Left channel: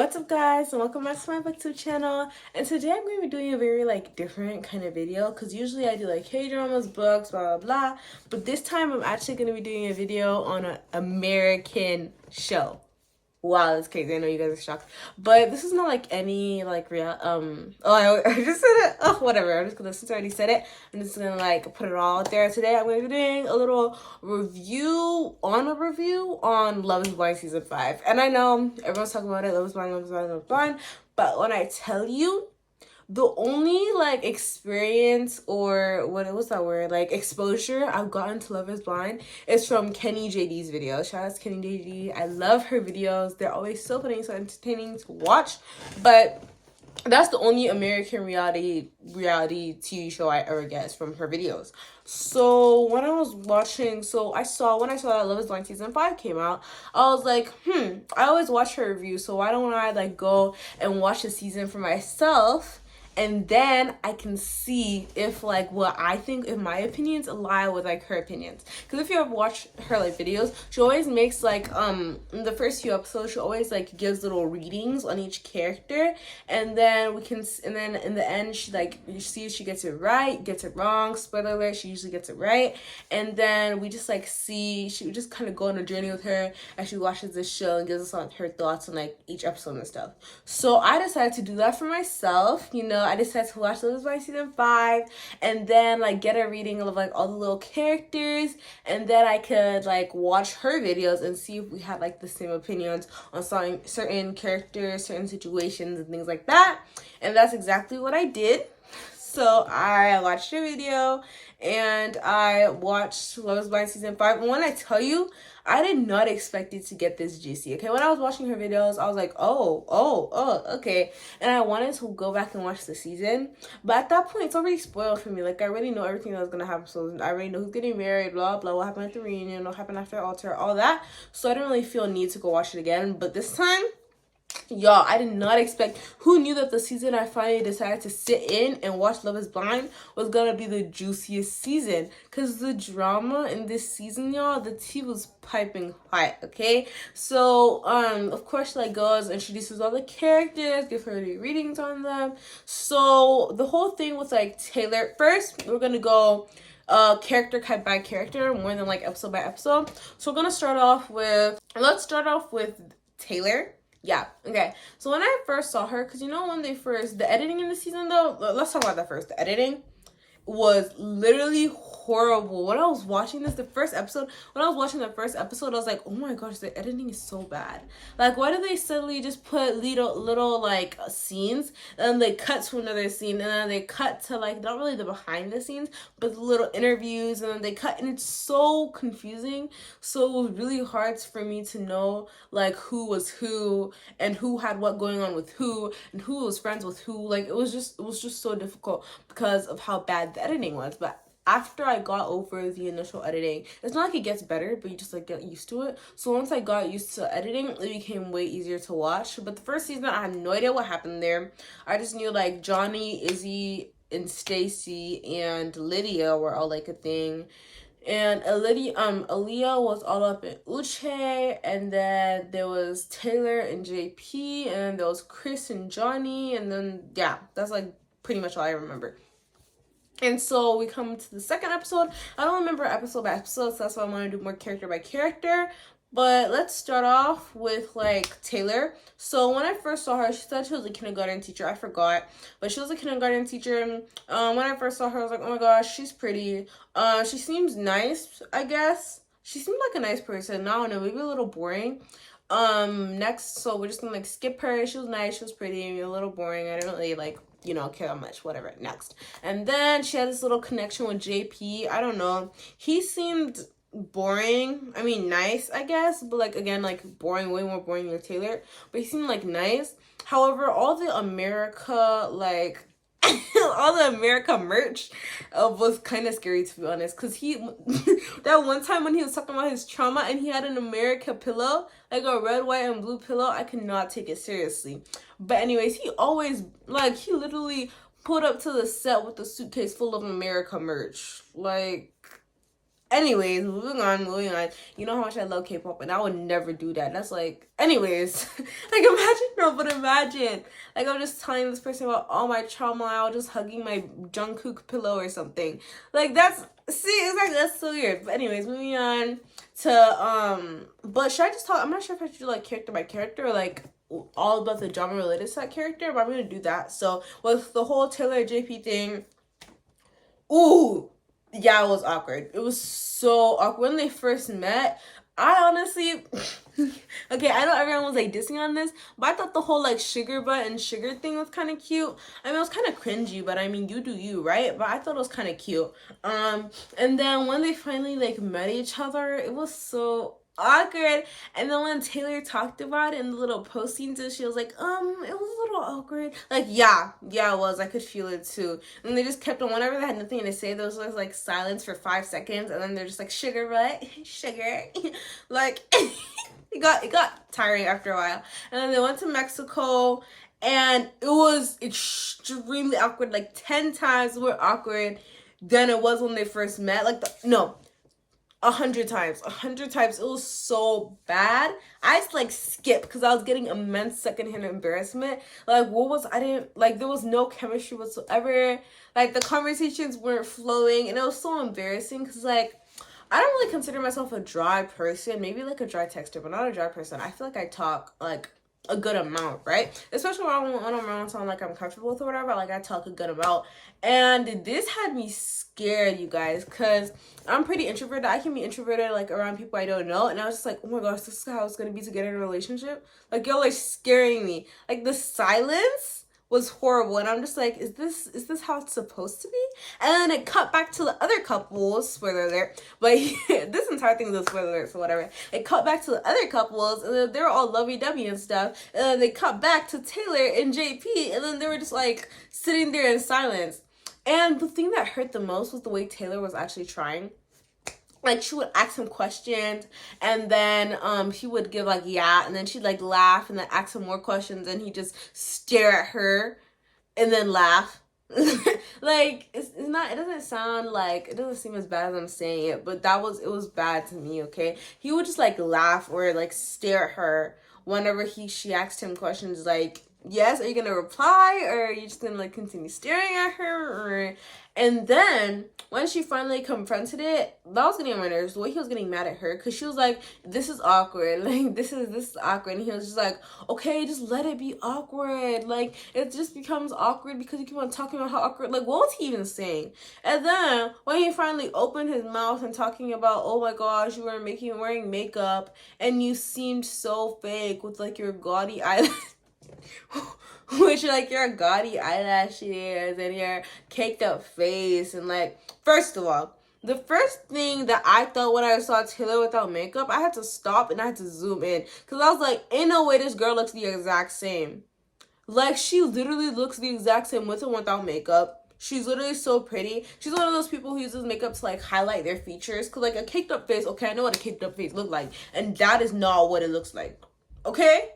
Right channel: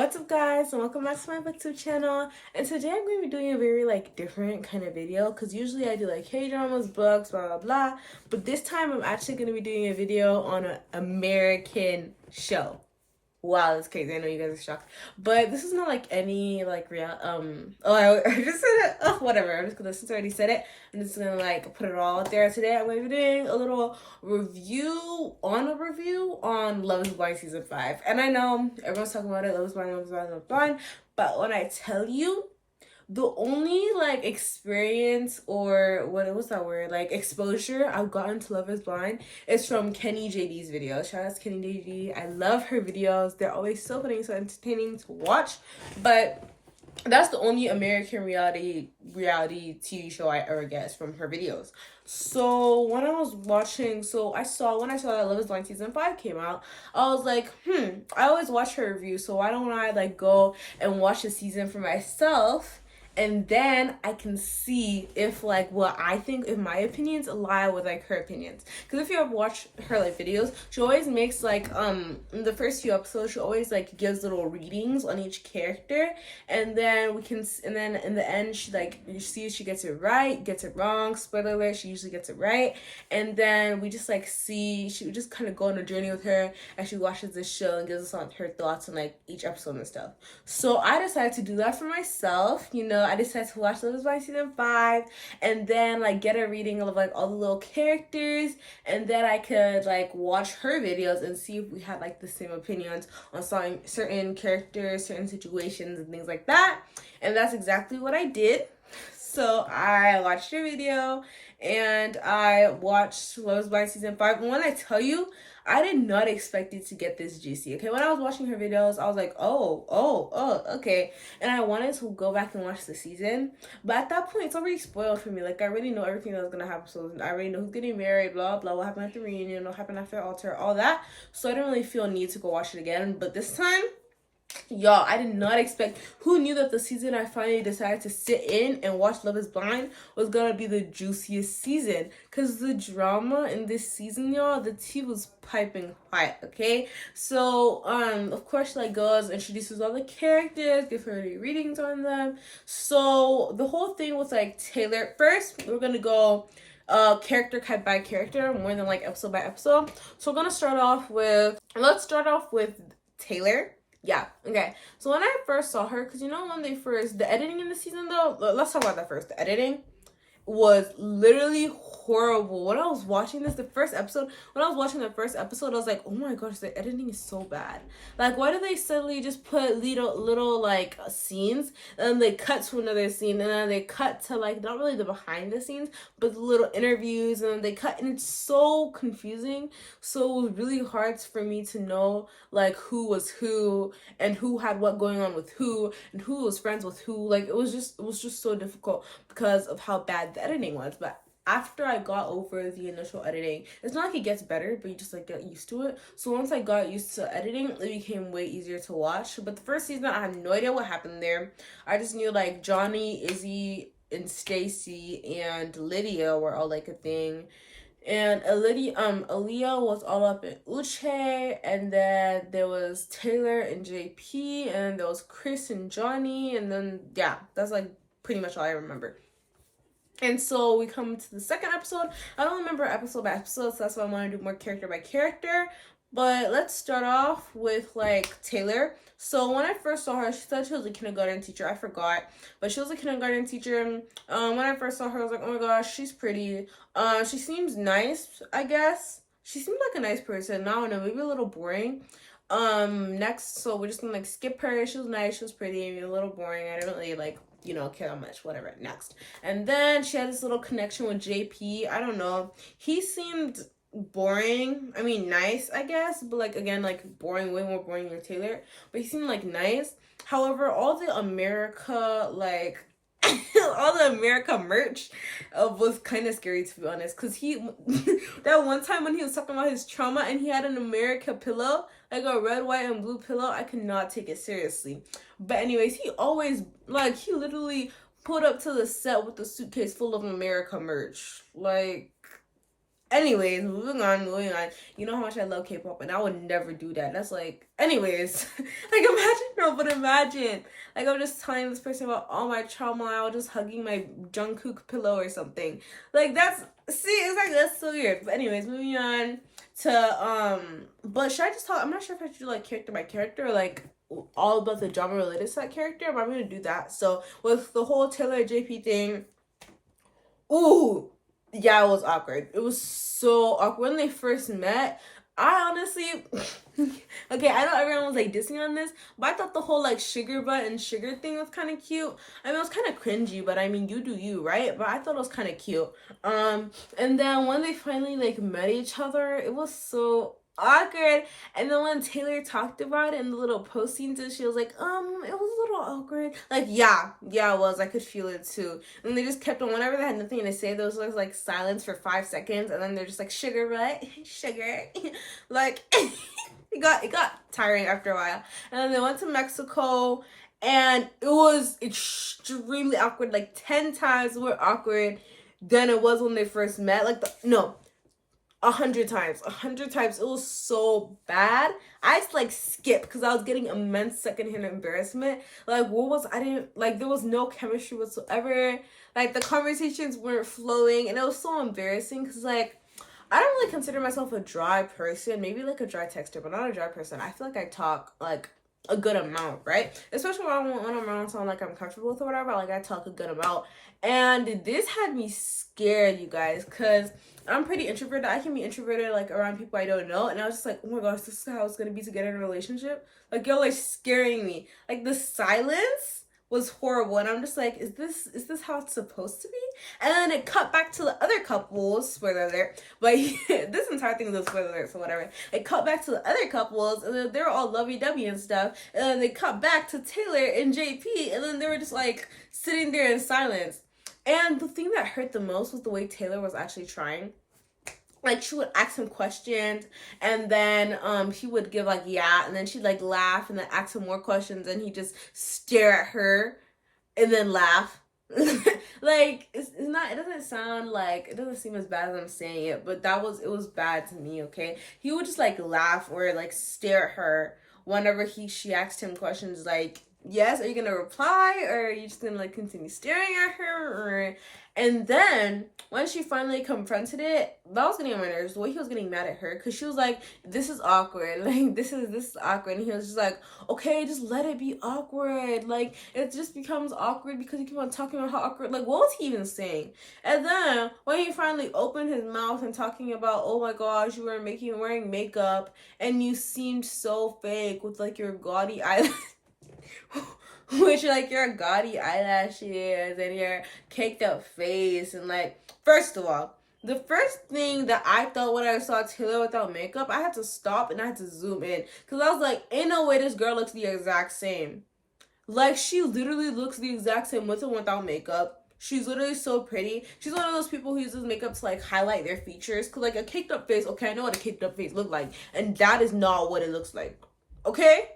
What's up, guys, and welcome back to my booktube channel. And today I'm going to be doing a very different kind of video, because usually I do K-dramas, books, blah blah blah, but this time I'm actually going to be doing a video on an American show. Wow, that's crazy. I know you guys are shocked, but this is not any real I just said it. Oh, whatever. I'm just gonna, since I already said it, I'm just gonna put it all out there. Today I'm gonna be doing a little review on Love is Blind season 5. And I know everyone's talking about it, Love is Blind, Love is Blind, Love is Blind, but when I tell you, the only experience, or what's that word, exposure I've gotten to Love is Blind is from Kenny JD's videos. Shout out to Kenny JD. I love her videos. They're always so funny, so entertaining to watch. But that's the only American reality TV show I ever get from her videos. So when I was watching, when I saw that Love is Blind season 5 came out, I was like, I always watch her review, so why don't I go and watch the season for myself? And then I can see if what I think, if my opinions align with her opinions. Because if you ever watch her videos, she always makes in the first few episodes, she always gives little readings on each character, and then in the end she you see if she gets it right, gets it wrong. Spoiler alert, she usually gets it right. And then we just see, she just kind of go on a journey with her as she watches this show and gives us her thoughts on each episode and stuff. So I decided to do that for myself. I decided to watch Love is Blind season 5, and then get a reading of all the little characters, and then I could watch her videos and see if we had the same opinions on certain characters, certain situations, and things like that. And that's exactly what I did. So I watched her video and I watched Love is Blind season 5. And when I tell you, I did not expect it to get this juicy. Okay, when I was watching her videos, I was like, oh, okay. And I wanted to go back and watch the season, but at that point, it's already spoiled for me. I already know everything that was gonna happen. So I already know who's getting married, blah blah, what happened at the reunion, what happened after altar, all that. So I didn't really feel a need to go watch it again. But this time, y'all, I did not expect. Who knew that the season I finally decided to sit in and watch Love is Blind was gonna be the juiciest season? Because the drama in this season, y'all, the tea was piping hot. Okay, so of course she goes, introduces all the characters, gives her readings on them. So the whole thing was Taylor. First, we're gonna go character by character, more than episode by episode. So we're gonna start off with, let's start off with Taylor. Yeah, okay. So when I first saw her, because when the editing in the season, though, let's talk about that first. The editing was literally horrible. When I was watching the first episode, I was like, oh my gosh, the editing is so bad. Why do they suddenly just put little scenes, and then they cut to another scene, and then they cut to not really the behind the scenes, but the little interviews, and then they cut, and it's so confusing. So it was really hard for me to know who was who, and who had what going on with who, and who was friends with who. It was just so difficult because of how bad the editing was. But after I got over the initial editing, it's not it gets better, but you just get used to it. So once I got used to editing, it became way easier to watch. But the first season, I have no idea what happened there. I just knew Johnny, Izzy, and Stacy and Lydia were all a thing. And Aaliyah was all up in Uche, and then there was Taylor and JP, and there was Chris and Johnny, and then yeah, that's pretty much all I remember. And so we come to the second episode. I don't remember episode by episode, so that's why I want to do more character by character. But let's start off with Taylor. So when I first saw her, she said she was a kindergarten teacher. I forgot, but she was a kindergarten teacher. When I first saw her, I was like, oh my gosh, she's pretty. She seems nice, I guess. She seemed like a nice person. I don't know, maybe a little boring. Next, so we're just gonna skip her. She was nice, she was pretty, a little boring. I didn't really care that much, whatever. Next. And then she had this little connection with JP. I don't know. He seemed boring. I mean, nice, I guess, but again, boring, way more boring than Taylor. But he seemed nice. However, all the America all the America merch was kind of scary, to be honest, because he that one time when he was talking about his trauma and he had an America pillow, a red, white, and blue pillow, I could not take it seriously. But anyways, he always he literally pulled up to the set with a suitcase full of America merch. Anyways, moving on, moving on. You know how much I love K-pop, and I would never do that. That's like, anyways, like imagine, no, but imagine, like I'm just telling this person about all my trauma. I was just hugging my Jungkook pillow or something. Like that's, see, exactly, that's so weird. But anyways, moving on to but should I just talk? I'm not sure if I should do like character by character or like all about the drama related to that character, but I'm gonna do that. So with the whole Taylor JP thing, ooh. Yeah, it was awkward. It was so awkward when they first met. I honestly, okay, I know everyone was like dissing on this, but I thought the whole like sugar butt and sugar thing was kind of cute. I mean, it was kind of cringy, but I mean, you do you, right? But I thought it was kind of cute. And then when they finally like met each other, it was so awkward. And then when Taylor talked about it in the little postings, she was like, it was a little awkward. Like, yeah, it was. I could feel it too. And they just kept on, whenever they had nothing to say, there was like silence for 5 seconds, and then they're just like, sugar, right? Sugar. Like, it got tiring after a while. And then they went to Mexico, and it was extremely awkward, like 10 times more awkward than it was when they first met. Like, no. 100 times. 100 times. It was so bad. I just like skipped because I was getting immense secondhand embarrassment. Like, there was no chemistry whatsoever. Like, the conversations weren't flowing, and it was so embarrassing because, like, I don't really consider myself a dry person. Maybe like a dry texter, but not a dry person. I feel like I talk like a good amount, right? Especially when I'm around someone like I'm comfortable with or whatever. Like, I talk a good amount. And this had me scared, you guys, because I'm pretty introverted. I can be introverted like around people I don't know. And I was just like, oh my gosh, this is how it's gonna be to get in a relationship. Like, y'all are scaring me. Like, the silence was horrible, and I'm just like, is this how it's supposed to be? And then it cut back to the other couples, spoiler alert, but this entire thing is a spoiler alert, so whatever. It cut back to the other couples, and then they were all lovey-dovey and stuff, and then they cut back to Taylor and JP, and then they were just like sitting there in silence. And the thing that hurt the most was the way Taylor was actually trying. Like, she would ask him questions, and then he would give like, yeah, and then she'd like laugh and then ask him more questions, and he'd just stare at her and then laugh. Like, it's not, it doesn't sound like, it doesn't seem as bad as I'm saying it, but it was bad to me. Okay, he would just like laugh or like stare at her whenever she asked him questions like, yes, are you gonna reply, or are you just gonna like continue staring at her? Or and then when she finally confronted it, that was getting on my nerves. The way he was getting mad at her, because she was like, this is awkward. Like, this is awkward. And he was just like, okay, just let it be awkward. Like, it just becomes awkward because you keep on talking about how awkward. Like, what was he even saying? And then when he finally opened his mouth and talking about, oh my gosh, you were wearing makeup and you seemed so fake with like your gaudy eyelash. Which, like, your gaudy eyelashes and your caked up face. And, like, first of all, the first thing that I thought when I saw Taylor without makeup, I had to stop and I had to zoom in. Because I was like, ain't no way this girl looks the exact same. Like, she literally looks the exact same with and without makeup. She's literally so pretty. She's one of those people who uses makeup to, like, highlight their features. Because, like, a caked up face, okay, I know what a caked up face looks like. And that is not what it looks like. Okay?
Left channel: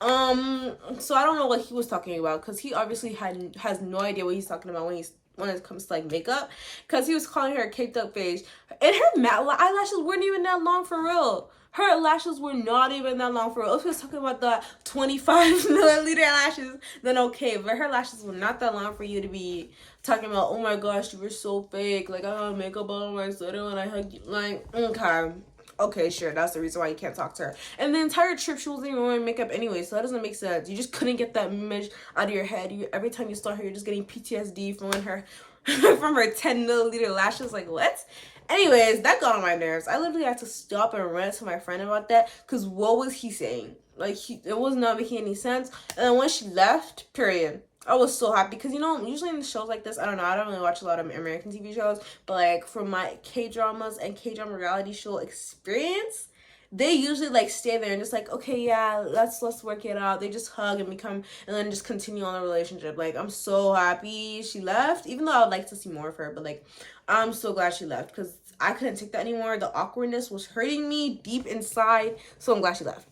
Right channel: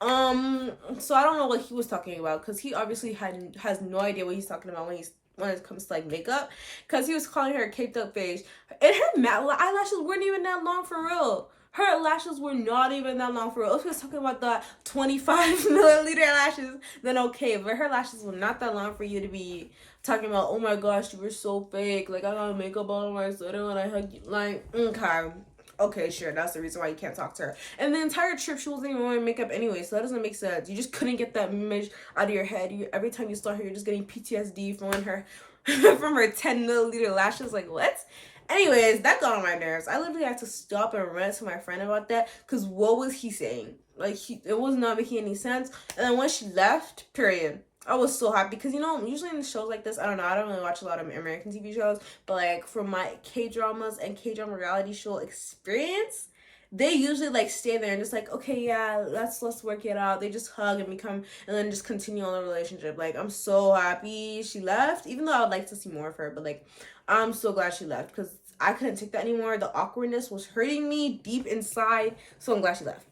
So I don't know what he was talking about, because he obviously has no idea what he's talking about when it comes to like makeup, because he was calling her a caked up face, and her matte eyelashes weren't even that long for real. Her lashes were not even that long for real. If he was talking about the 25 milliliter lashes, then okay, but her lashes were not that long for you to be talking about, oh my gosh, you were so fake, like I got makeup on my sweater when I hugged you. Like, okay, sure, that's the reason why you can't talk to her. And the entire trip, she wasn't even wearing makeup anyway, so that doesn't make sense. You just couldn't get that image out of your head. Every time you saw her, you're just getting PTSD from her from her 10 milliliter lashes. Like, what? Anyways, that got on my nerves. I literally had to stop and rant to my friend about that, because what was he saying? Like, it was not making any sense. And then when she left, period, I was so happy, because, you know, usually in shows like this, I don't know, I don't really watch a lot of American TV shows, but, like, from my K-dramas and K-drama reality show experience, they usually, like, stay there and just, like, okay, yeah, let's work it out. They just hug and then just continue on the relationship. Like, I'm so happy she left, even though I would like to see more of her, but, like, I'm so glad she left, because I couldn't take that anymore. The awkwardness was hurting me deep inside, so I'm glad she left.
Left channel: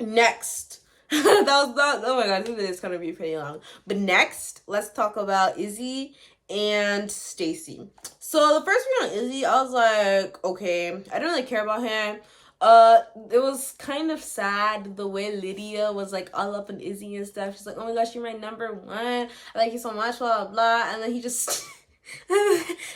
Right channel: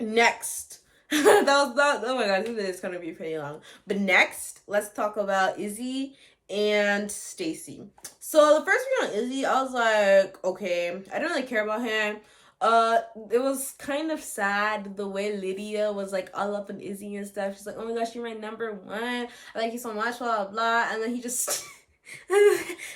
Next. That was not, oh my god, this video is gonna be pretty long. But next, let's talk about Izzy and Stacy. So the first video on Izzy, I was like, okay, I didn't really care about him. It was kind of sad the way Lydia was like all up on Izzy and stuff. She's like, oh my gosh, you're my number one. I like you so much, blah blah blah. And then he just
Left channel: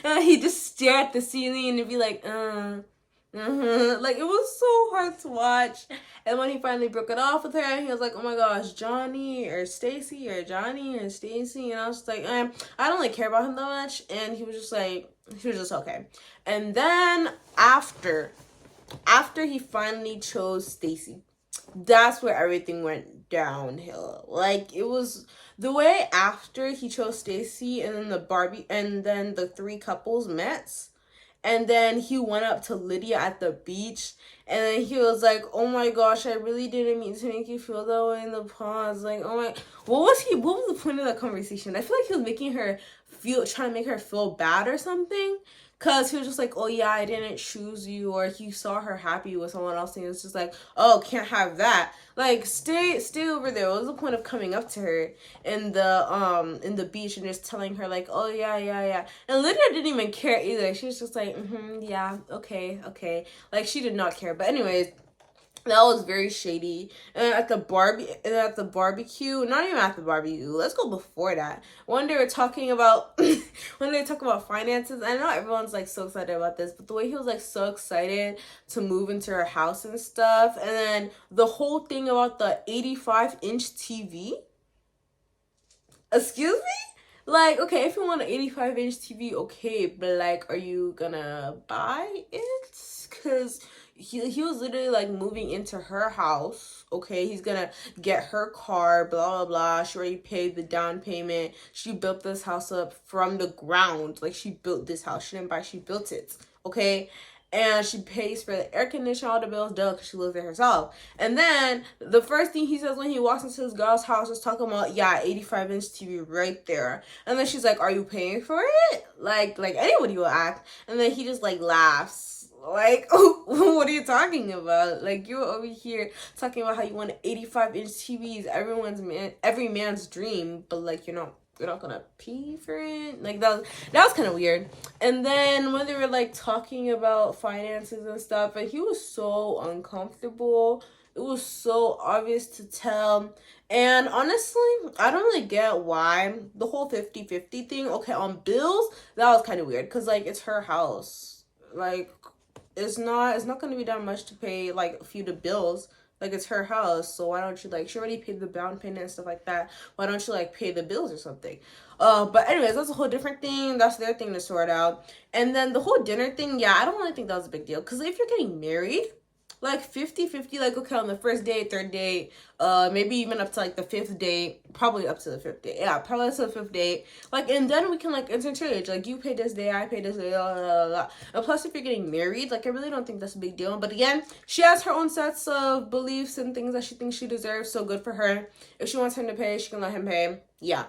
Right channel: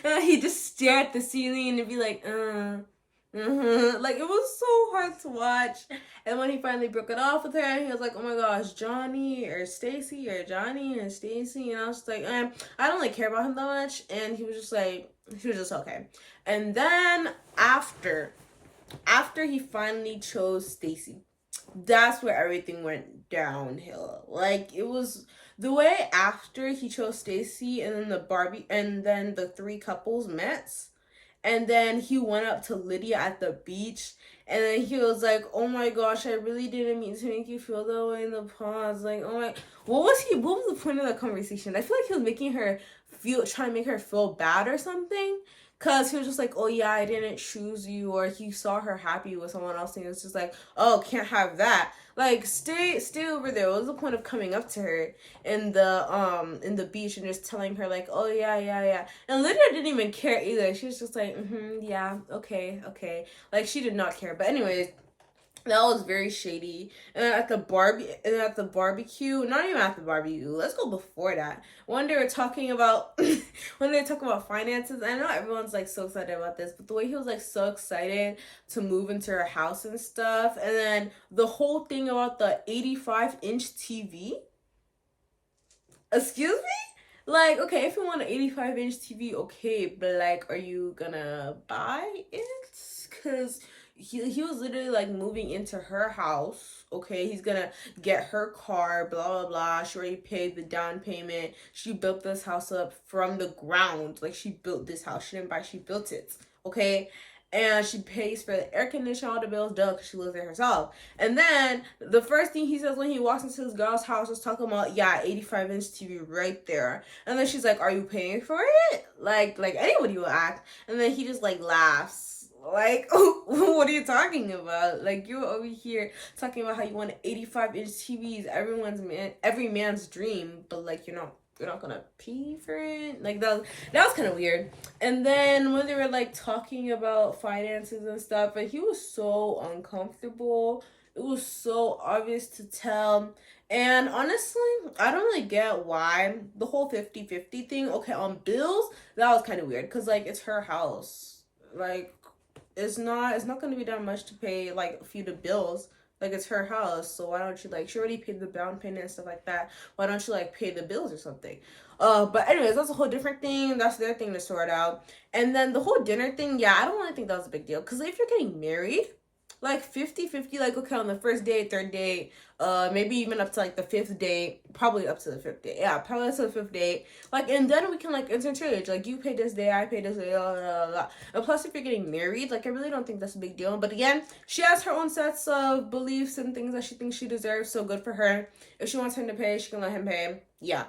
he just stare at the ceiling and be like, like it was so hard to watch. And when he finally broke it off with her, he was like, oh my gosh, Johnny or Stacy or Johnny or Stacy. And I was like, I don't really care about him that much. And he was just like, he was just okay. And then after he finally chose Stacy, that's where everything went downhill. Like it was the way after he chose Stacy and then the Barbie and then the three couples met. And then he went up to Lydia at the beach. And then he was like, oh my gosh, I really didn't mean to make you feel that way in the pause. Like, oh my, what was the point of that conversation? I feel like he was making her trying to make her feel bad or something. Cause he was just like, oh yeah, I didn't choose you, or he saw her happy with someone else, and he was just like, oh, can't have that. Like, stay over there. What was the point of coming up to her in the beach and just telling her like, oh yeah. And Lydia didn't even care either. She was just like, yeah, okay. Like she did not care. But anyways, that was very shady. And at the barbecue, not even at the barbecue, let's go before that. When they were talking about finances, I know everyone's like so excited about this, but the way he was like so excited to move into her house and stuff, and then the whole thing about the 85-inch TV. Excuse me? Like, okay, if you want an 85-inch TV, okay, but like, are you gonna buy it? Because he was literally like moving into her house. Okay, he's gonna get her car, blah blah blah. She already paid the down payment. She built this house up from the ground. Like she built this house. She didn't buy, she built it. Okay. And she pays for the air conditioner, all the bills, because she lives there herself. And then the first thing he says when he walks into his girl's house is talking about, yeah, 85-inch TV right there. And then she's like, are you paying for it? Like anybody will act. And then he just like laughs. Like, what are you talking about? Like, you're over here talking about how you want an 85-inch TV, every man's dream, but like you're not gonna pay for it. Like that was kind of weird. And then when they were like talking about finances and stuff, but he was so uncomfortable. It was so obvious to tell. And honestly, I don't really get why the whole 50-50 thing. Okay, on bills, that was kind of weird because like it's her house. Like it's not going to be that much to pay like a few the bills. Like it's her house, so why don't you like, she already paid the down payment and stuff like that, why don't you like pay the bills or something? But anyways, that's a whole different thing. That's their thing to sort out. And then the whole dinner thing, yeah, I don't really think that was a big deal, because if you're getting married, like 50-50, like okay, on the first date, third date, maybe even up to like the fifth date, probably up to the fifth date, yeah, probably up to the fifth date, like, and then we can like interchange, like you pay this day, I pay this day, blah, blah, blah. And plus if you're getting married, like I really don't think that's a big deal. But again, she has her own sets of beliefs and things that she thinks she deserves, so good for her. If she wants him to pay, she can let him pay, yeah.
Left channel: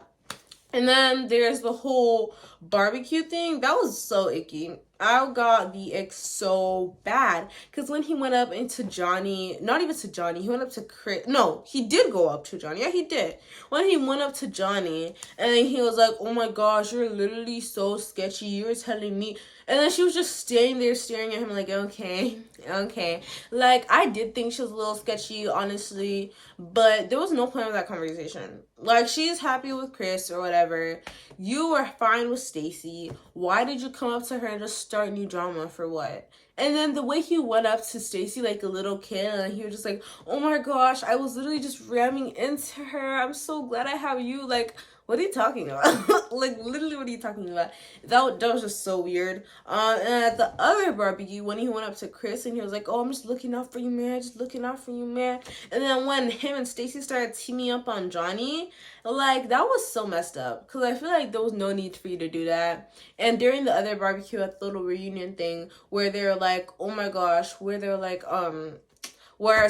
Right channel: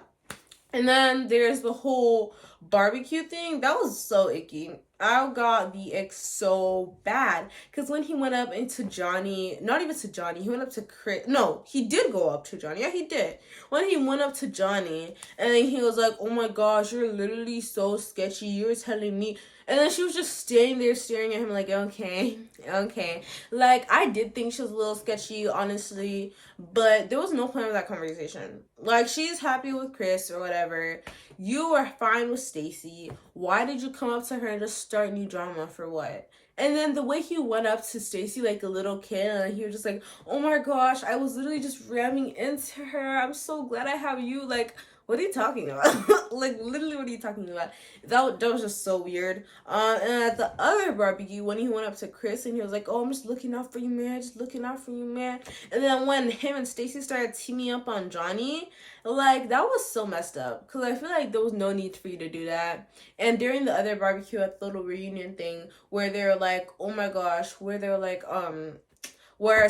And then there's the whole barbecue thing. That was so icky. I got the ick so bad. Because when he went up into Johnny, not even to Johnny, he went up to Chris. No, he did go up to Johnny. Yeah, he did. When he went up to Johnny, and then he was like, oh my gosh, you're literally so sketchy. You were telling me. And then she was just standing there staring at him like, okay. Like, I did think she was a little sketchy, honestly. But there was no point of that conversation. Like, she's happy with Chris or whatever. You were fine with Stacy. Why did you come up to her and just start new drama for what? And then the way he went up to Stacy like a little kid, and he was just like, oh my gosh, I was literally just ramming into her. I'm so glad I have you. Like, what are you talking about? Like, literally, what are you talking about? That was just so weird. And at the other barbecue, when he went up to Chris and he was like, oh, I'm just looking out for you, man. Just looking out for you, man. And then when him and Stacy started teaming up on Johnny, like, that was so messed up. Because I feel like there was no need for you to do that. And during the other barbecue at the little reunion thing, where they're like, oh my gosh, where they're like, where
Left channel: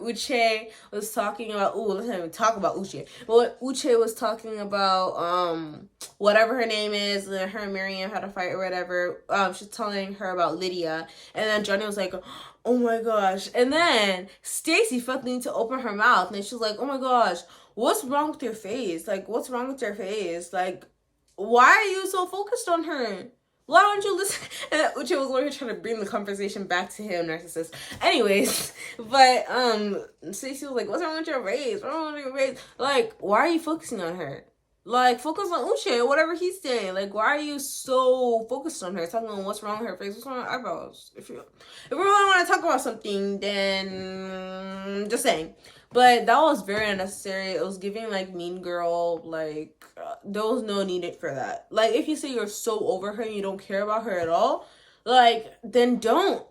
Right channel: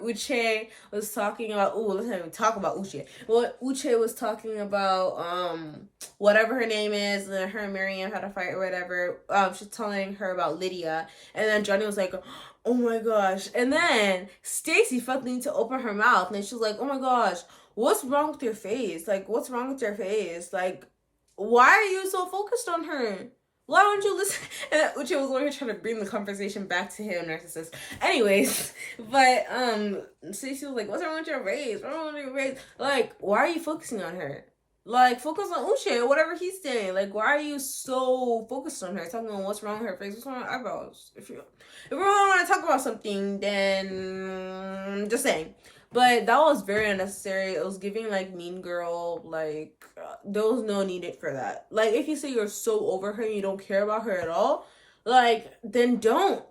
Uche was talking about, let's not even talk about Uche. Well, Uche was talking about whatever her name is, and her and Miriam had a fight or whatever. She's telling her about Lydia, and then Johnny was like, oh my gosh. And then Stacy felt the need to open her mouth, and she was like, oh my gosh, what's wrong with your face? Like, what's wrong with your face? Like, why are you so focused on her? Why don't you listen? And Uche was literally trying to bring the conversation back to him, narcissist. Anyways, but Stacey was like, "What's wrong with your face? What's wrong with your face? Like, why are you focusing on her? Like, focus on Uche or whatever he's saying. Like, why are you so focused on her? Talking about what's wrong with her face, what's wrong with her eyebrows? If we really want to talk about something, then just saying." But that was very unnecessary. It was giving like Mean Girl. Like there was no need for that. Like if you say you're so over her and you don't care about her at all, like then don't.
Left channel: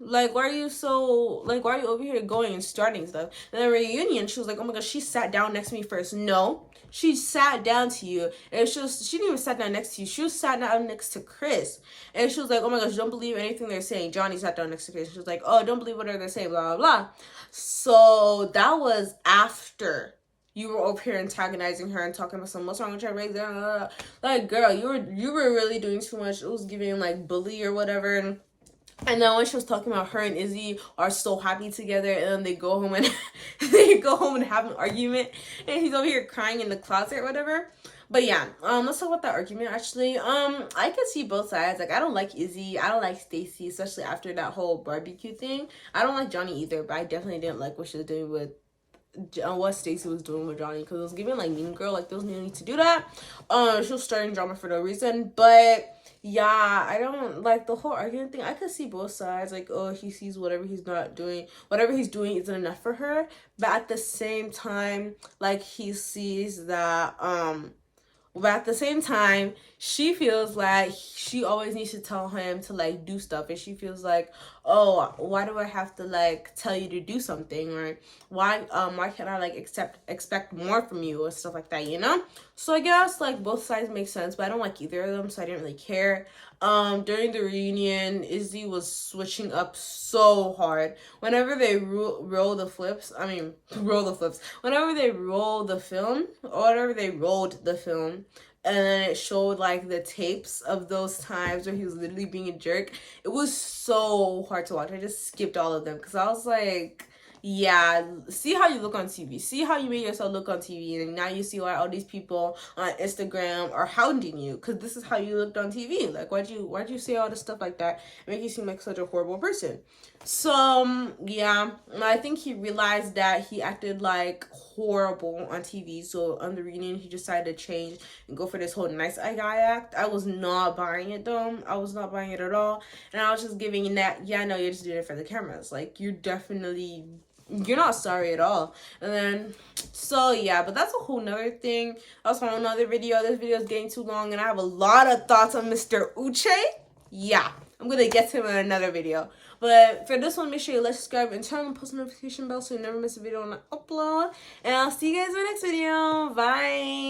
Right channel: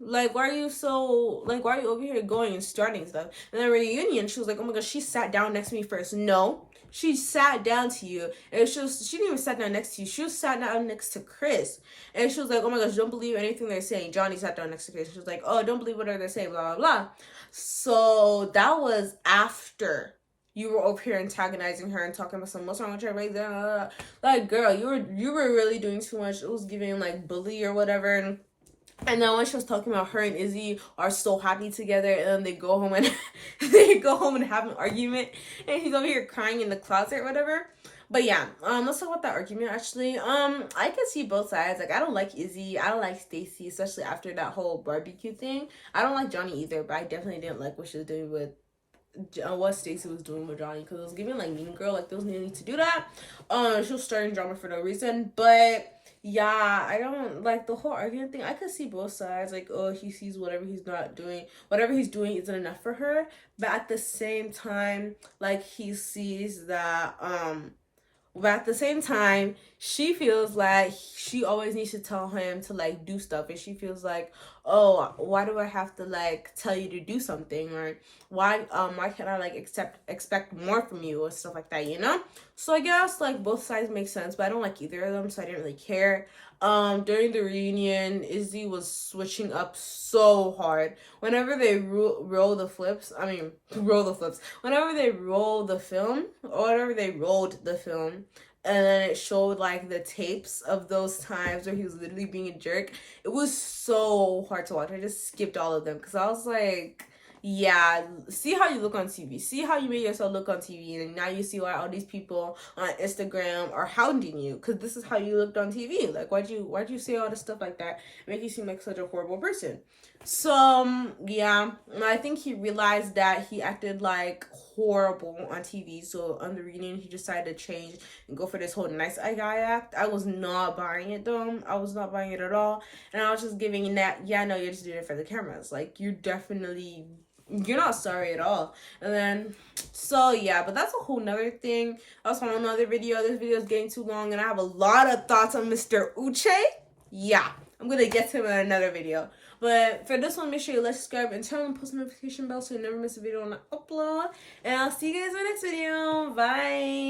Like why are you so like why are you over here going and starting stuff? And then reunion, she was like, "Oh my gosh, she sat down next to me first." No, she sat down to you, and she didn't even sat down next to you. She was sat down next to Chris, and she was like, "Oh my gosh, don't believe anything they're saying." Johnny sat down next to Chris. She was like, "Oh, don't believe whatever they're saying." Blah blah blah. So that was after you were over here antagonizing her and talking about some what's wrong with your race. Like, girl, you were really doing too much. It was giving like bully or whatever. And then when she was talking about her and Izzy are so happy together, and then they go home and they go home and have an argument, and he's over here crying in the closet or whatever. But yeah, let's talk about that argument actually. I can see both sides. Like, I don't like Izzy, I don't like Stacey, especially after that whole barbecue thing. I don't like Johnny either, but I definitely didn't like what she was doing with what Stacey was doing with Johnny, because it was giving like Mean Girl. Like, there was no need to do that. She was starting drama for no reason. But yeah, I don't like the whole argument thing. I could see both sides. Like, oh, he sees whatever he's doing isn't enough for her. But at the same time, like, he sees that but at the same time, she feels like she always needs to tell him to like do stuff, and she feels like, oh, why do I have to like tell you to do something, or why can't I like expect more from you or stuff like that, you know? So I guess like both sides make sense, but I don't like either of them, so I didn't really care. During the reunion, Izzy was switching up so hard. Whenever they roll the flips, whenever they roll the film, or whenever they rolled the film, and then it showed like the tapes of those times where he was literally being a jerk, it was so hard to watch. I just skipped all of them because I was like, yeah, see how you look on TV. See how you made yourself look on TV, and now you see why all these people on Instagram are hounding you, because this is how you looked on TV. Like, why'd you say all this stuff like that? Make you seem like such a horrible person. So yeah, I think he realized that he acted like horrible on TV. So on the reunion, he decided to change and go for this whole nice guy act. I was not buying it though. I was not buying it at all, and I was just giving that. Yeah, no, you're just doing it for the cameras. Like, you're not sorry at all. And then, so yeah, but that's a whole nother thing. That's from another video. This video is getting too long, and I have a lot of thoughts on Mr. Uche. Yeah, I'm gonna get to him in another video. But for this one, make sure you like, subscribe, and turn on the post notification bell so you never miss a video when I upload. And I'll see you guys in the next video. Bye.